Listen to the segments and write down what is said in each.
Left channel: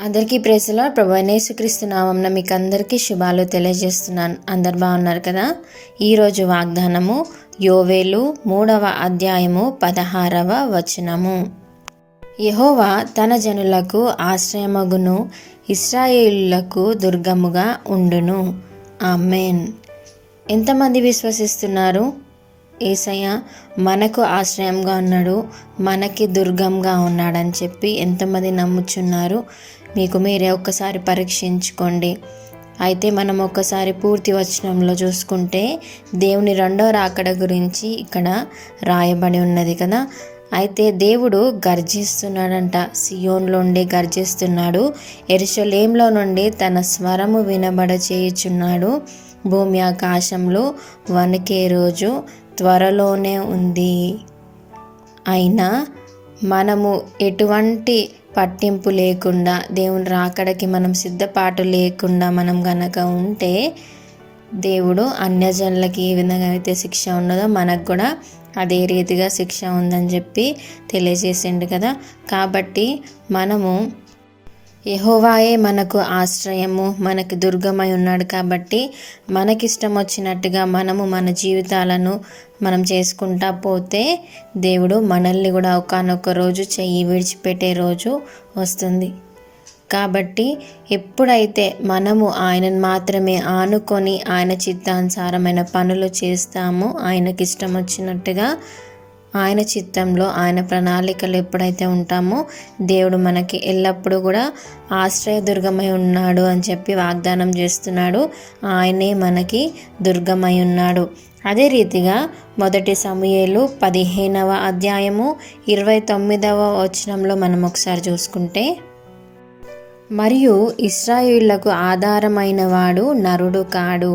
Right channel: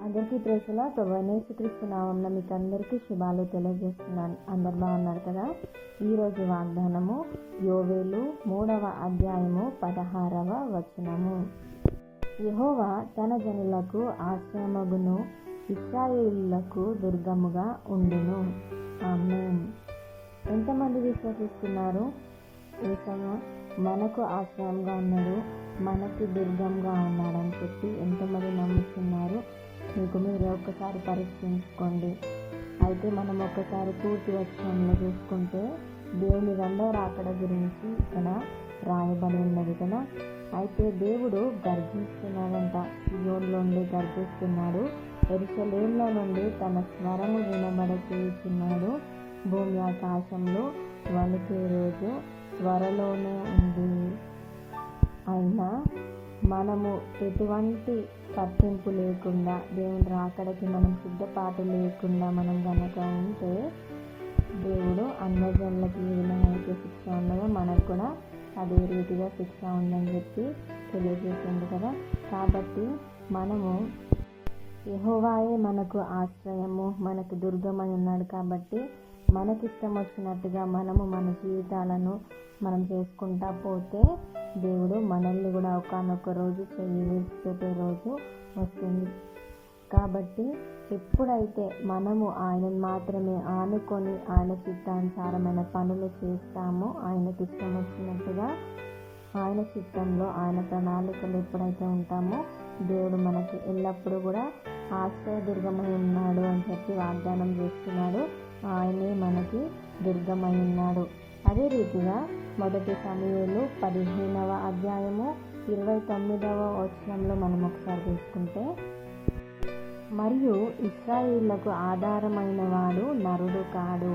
అందరికీ ప్రేసలో ప్రభు అయిన యేసుక్రీస్తు నామమున మీకు అందరికీ శుభాలు తెలియజేస్తున్నాను. అందరు బాగున్నారు కదా. ఈరోజు వాగ్దానము యోవేలు 3వ అధ్యాయము 16వ వచనము. యెహోవా తన జనులకు ఆశ్రయమగును, ఇశ్రాయేలులకు దుర్గముగా ఉండును. ఆమేన్. ఎంతమంది విశ్వసిస్తున్నారు? యేసయ్య మనకు ఆశ్రయంగా ఉన్నాడు, మనకి దుర్గంగా ఉన్నాడని చెప్పి ఎంతమంది నమ్ముచున్నారు? మీకు మీరే ఒక్కసారి పరీక్షించుకోండి. అయితే మనం ఒక్కసారి పూర్తి వచనంలో చూసుకుంటే దేవుని రెండో రాకడ గురించి ఇక్కడ రాయబడి ఉన్నది కదా. అయితే దేవుడు గర్జిస్తున్నాడంట. సియోన్లో నుండి గర్జిస్తున్నాడు, యెరూషలేములో నుండి తన స్వరము వినబడ చేయుచున్నాడు. భూమి ఆకాశంలో వణికే రోజు త్వరలోనే ఉంది. అయినా మనము ఎటువంటి పట్టింపు లేకుండా, దేవుని రాకడకి మనం సిద్ధపాటు లేకుండా మనం గనక ఉంటే, దేవుడు అన్యజనులకి ఏ విధంగా అయితే శిక్ష ఉన్నదో మనకు కూడా అదే రీతిగా శిక్ష ఉందని చెప్పి తెలియజేసిండు కదా. కాబట్టి మనము యెహోవాయే మనకు ఆశ్రయము, మనకి దుర్గమై ఉన్నాడు. కాబట్టి మనకిష్టం వచ్చినట్టుగా మనము మన జీవితాలను మనం చేసుకుంటా పోతే దేవుడు మనల్ని కూడా ఒకానొక రోజు చెయ్యి విడిచిపెట్టే రోజు వస్తుంది. కాబట్టి ఎప్పుడైతే మనము ఆయనను మాత్రమే ఆనుకొని ఆయన చిత్తానుసారమైన పనులు చేస్తామో, ఆయనకి ఇష్టం వచ్చినట్టుగా ఆయన చిత్తంలో ఆయన ప్రణాళికలు ఎప్పుడైతే ఉంటామో, దేవుడు మనకి ఎల్లప్పుడూ కూడా ఆశ్రయదుర్గమై ఉన్నాడు అని చెప్పి వాగ్దానం చేస్తున్నాడు. ఆయనే మనకి దుర్గమై ఉన్నాడు. అదే రీతిగా 1 సమూయేలు 15వ అధ్యాయము 29వ వచనంలో మనం ఒకసారి చూసుకుంటే, మరియు ఇశ్రాయేలులకు ఆధారమైన వాడు నరుడు కాడు,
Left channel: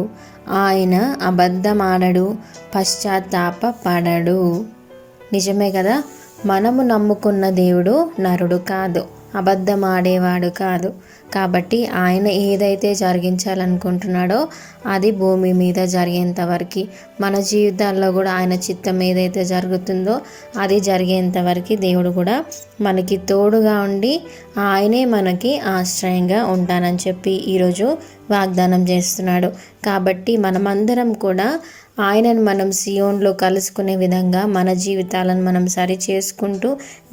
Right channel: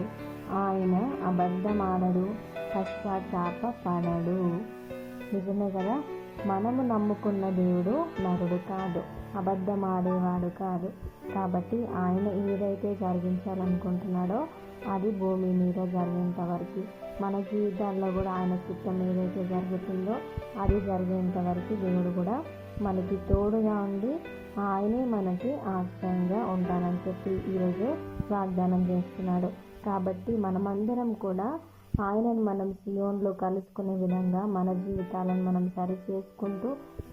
ఆయన అబద్ధమాడడు, పశ్చాత్తాపపడడు. నిజమే కదా. మనము నమ్ముకున్న దేవుడు నరుడు కాదు, అబద్ధమాడేవాడు కాదు. కాబట్టి ఆయన ఏదైతే జరిగించాలనుకుంటున్నాడో అది భూమి మీద జరిగేంత వరకు, మన జీవితాల్లో కూడా ఆయన చిత్తం ఏదైతే జరుగుతుందో అది జరిగేంత వరకు దేవుడు కూడా మనకి తోడుగా ఉండి ఆయనే మనకి ఆశ్రయంగా ఉంటానని చెప్పి ఈరోజు వాగ్దానం చేస్తున్నాడు. కాబట్టి మనమందరం కూడా ఆయనను మనం సియోన్లో కలుసుకునే విధంగా మన జీవితాలను మనం సరి చేసుకుంటూ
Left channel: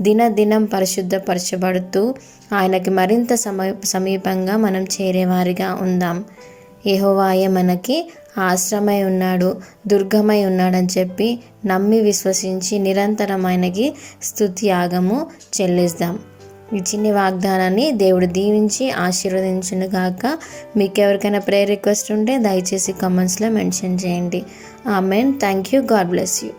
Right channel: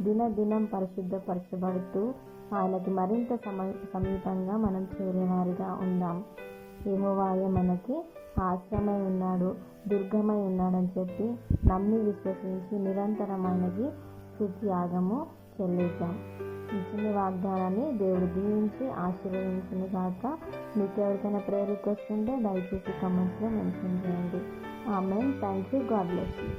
దినదినం పరిశుద్ధపరచబడుతూ ఆయనకి మరింత సమీపంగా మనం చేరేవారిగా ఉందాం. యెహోవాయే మనకి ఆశ్రమై ఉన్నాడు, దుర్గమై ఉన్నాడని చెప్పి నమ్మి విశ్వసించి నిరంతరం ఆయనకి స్తుతి యాగము చెల్లిద్దాం. ఈ చిన్ని వాగ్దానాన్ని దేవుడు దీవించి ఆశీర్వదించును గాక. మీకు ఎవరికైనా ప్రేయర్ రిక్వెస్ట్ ఉంటే దయచేసి కామెంట్స్లో మెన్షన్ చేయండి. Amen. Thank you. God bless you.